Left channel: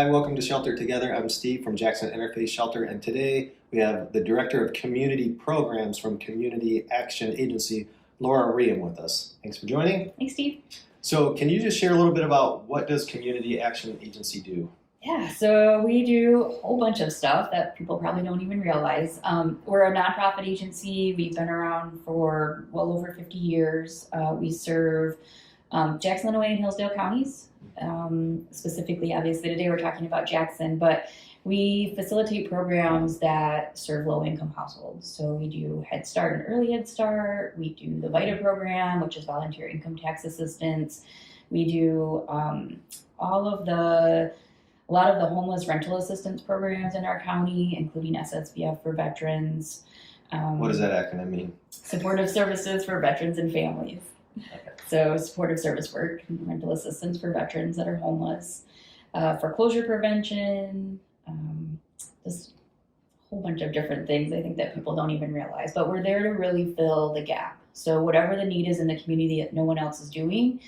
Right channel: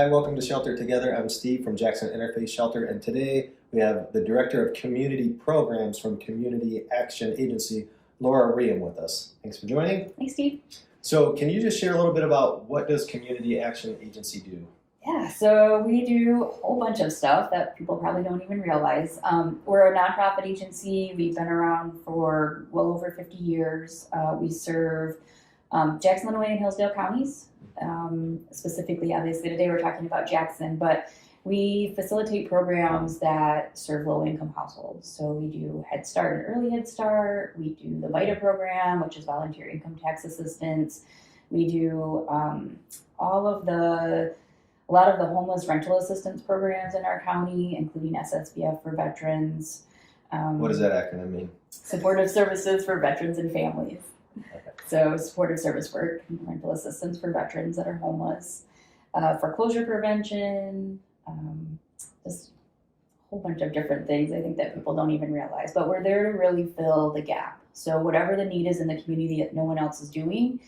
Hi, welcome to Shelter Together. I'm Steve from Jackson Interfaith Shelter, and today we have the Director of Community Programs from Community Action Agency, Laura Reaume, with us. Thanks for joining. Thanks, Steve. So can you just share a little bit about what does Community Action Agency do? Yeah, so we do a whole bunch of stuff that people probably don't even realize. We're a nonprofit agency. We've been around for well over 50 years. We serve Jackson, Illinois, and Hillsdale counties. Specifically, obviously, today we're talking about Jackson, but we facilitate programs that serve low-income households. So we do Head Start and Early Head Start. We do the VITA program, which is volunteer income tax assistance. We do a lot of the homeless rental assistance programs in our county, including SSVF for veterans. What does that acronym mean? Supportive services for veterans and families. Okay. So supportive service work, rental assistance for veterans that are homeless, foreclosure prevention, just a whole bunch of different things I think that people don't even realize. But we're there to really fill the gap. So whatever the need is in the community that no one else is doing,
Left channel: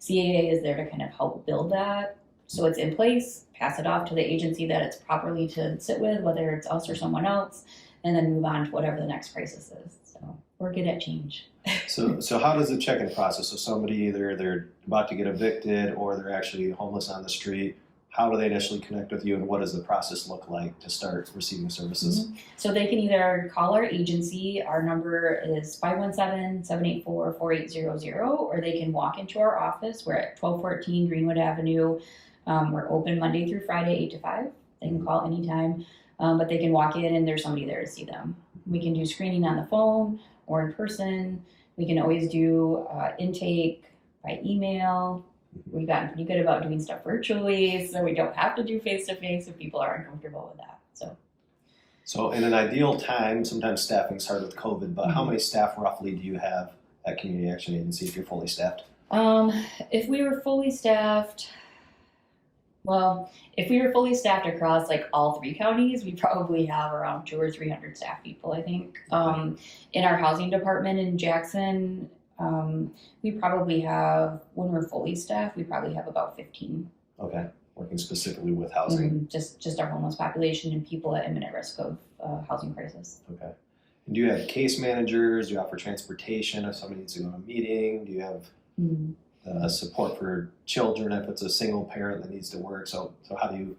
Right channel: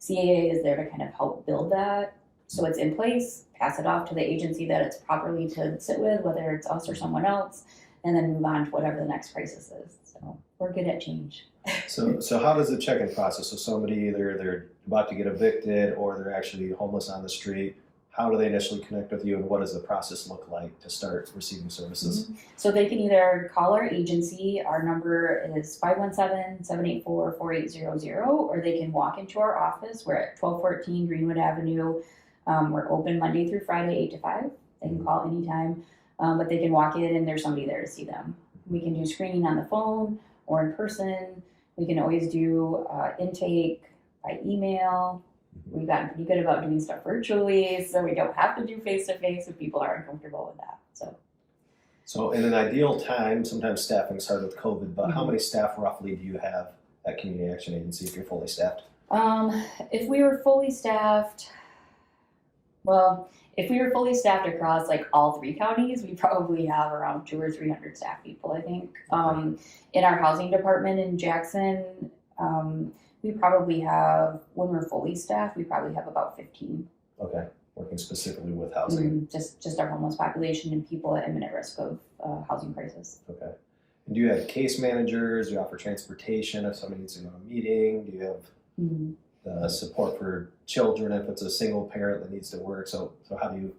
CAA is there to kind of help build that. So it's in place, pass it off to the agency that it's properly to sit with, whether it's us or someone else, and then move on to whatever the next crisis is. So we're good at change. So how does the check-in process? So somebody either they're about to get evicted or they're actually homeless on the street. How do they initially connect with you, and what does the process look like to start receiving services? Mm-hmm. So they can either call our agency. Our number is 517-784-4800, or they can walk into our office. We're at 1214 Greenwood Avenue. We're open Monday through Friday, 8 to 5. They can call anytime, but they can walk in and there's somebody there to see them. We can do screening on the phone or in person. We can always do intake by email. We've gotten pretty good about doing stuff virtually, so we don't have to do face-to-face if people are uncomfortable with that. So in an ideal time, sometimes staffing is hard with COVID, but how many staff roughly do you have at Community Action Agency if you're fully staffed? If we were fully staffed, if we were fully staffed across like all 3 counties, we probably have around 200 or 300 staff people, I think. In our housing department in Jackson, we probably have, when we're fully staffed, we probably have about 15. Okay, working specifically with housing. Just our homeless population and people at imminent risk of housing crisis. Okay. And do you have case managers? Do you offer transportation if somebody needs to go to a meeting? Do you have support for children if it's a single parent that needs to work? So how do you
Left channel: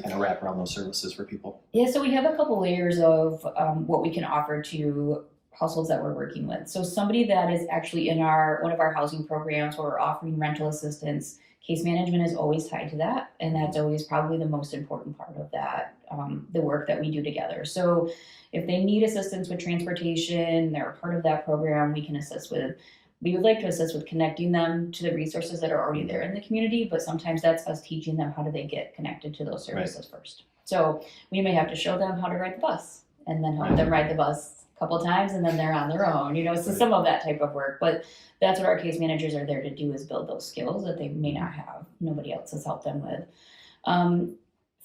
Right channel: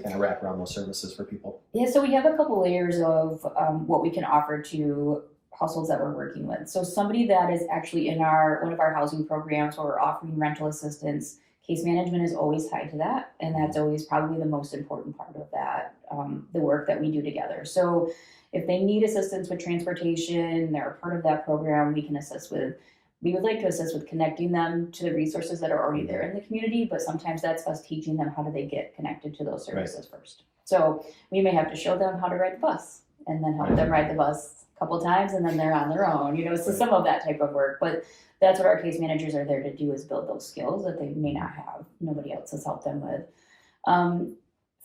kind of wrap around those services for people? Yeah, so we have a couple layers of what we can offer to households that we're working with. So somebody that is actually in one of our housing programs where we're offering rental assistance, case management is always tied to that, and that's always probably the most important part of that, the work that we do together. So if they need assistance with transportation, they're a part of that program, we would like to assist with connecting them to the resources that are already there in the community, but sometimes that's us teaching them how do they get connected to those services first. So we may have to show them how to ride the bus and then help them ride the bus a couple times and then they're on their own, so some of that type of work. But that's what our case managers are there to do, is build those skills that they may not have. Nobody else has helped them with.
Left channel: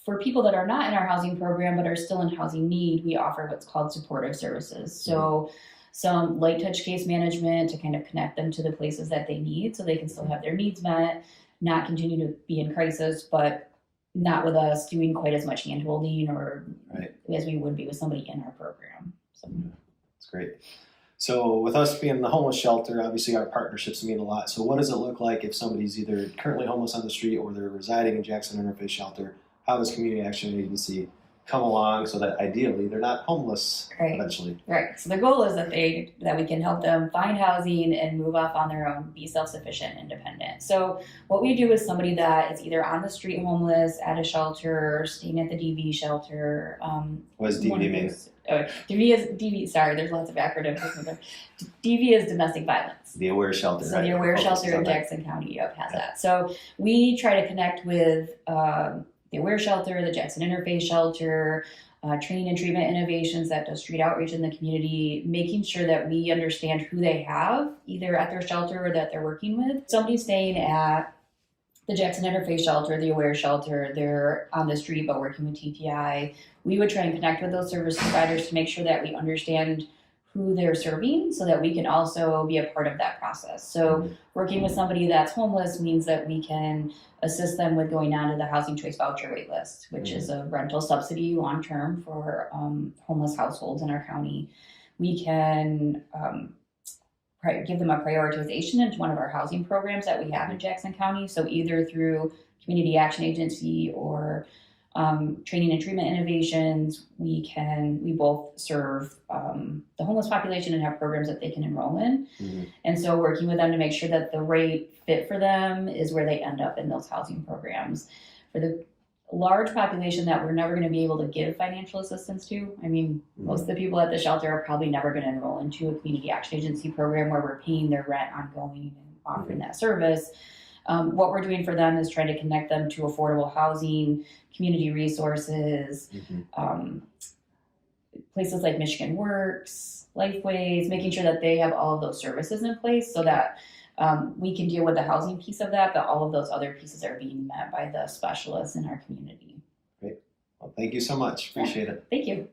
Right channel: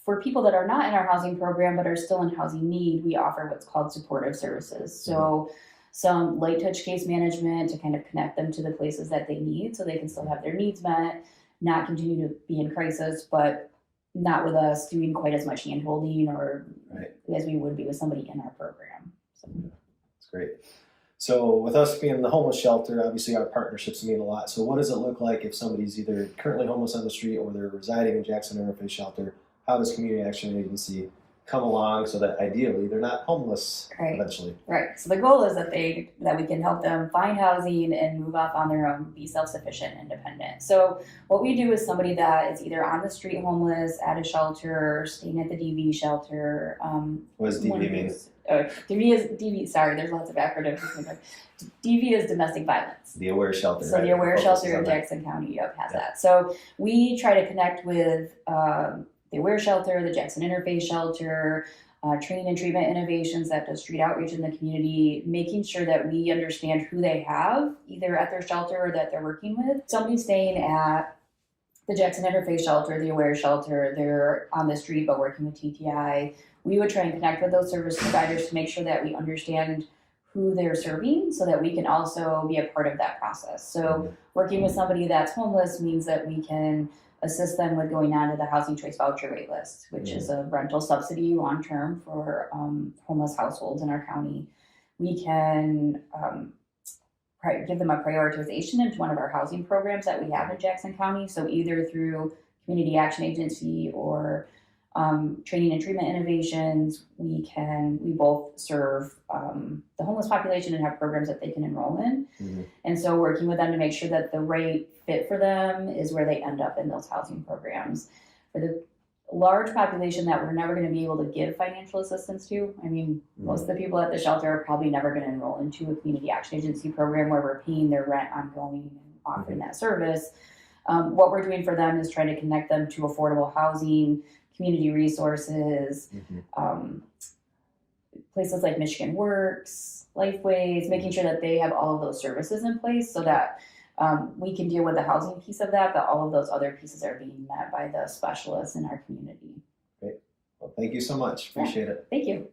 For people that are not in our housing program but are still in housing need, we offer what's called supportive services. So some light touch case management to kind of connect them to the places that they need so they can still have their needs met, not continue to be in crisis, but not with us doing quite as much hand holding or as we would be with somebody in our program. So. That's great. So with us being the homeless shelter, obviously our partnerships mean a lot. So what does it look like if somebody's either currently homeless on the street or they're residing in Jackson Interfaith Shelter? How does Community Action Agency come along so that ideally they're not homeless eventually? Right. So the goal is that we can help them find housing and move off on their own, be self-sufficient, independent. So what we do is somebody that is either on the street homeless, at a shelter, staying at the DV shelter. What does DV mean? DV, sorry, there's lots of acronyms. DV is domestic violence. The Aware Shelter. So the Aware Shelter in Jackson County has that. So we try to connect with the Aware Shelter, the Jackson Interfaith Shelter, training and treatment innovations that does street outreach in the community, making sure that we understand who they have either at their shelter or that they're working with. Somebody staying at the Jackson Interfaith Shelter, the Aware Shelter, they're on the street but working with TTI. We would try and connect with those service providers to make sure that we understand who they're serving so that we can also be a part of that process. So working with somebody that's homeless means that we can assist them with going on to the Housing Choice Voucher Wait List, which is a rental subsidy long-term for homeless households in our county. We can give them a prioritization into one of our housing programs that we have in Jackson County. So either through Community Action Agency or training and treatment innovations, we both serve the homeless population and have programs that they can enroll in. And so working with them to make sure that the right fit for them is where they end up in those housing programs. For the large population that we're never going to be able to give financial assistance to, I mean, most of the people at the shelter are probably never going to enroll into a Community Action Agency program where we're paying their rent ongoing and offering that service. What we're doing for them is trying to connect them to affordable housing, community resources, places like Michigan Works, Lifeways, making sure that they have all of those services in place so that we can deal with the housing piece of that, but all of those other pieces are being met by the specialists in our community. Great. Well, thank you so much. Appreciate it. Thank you.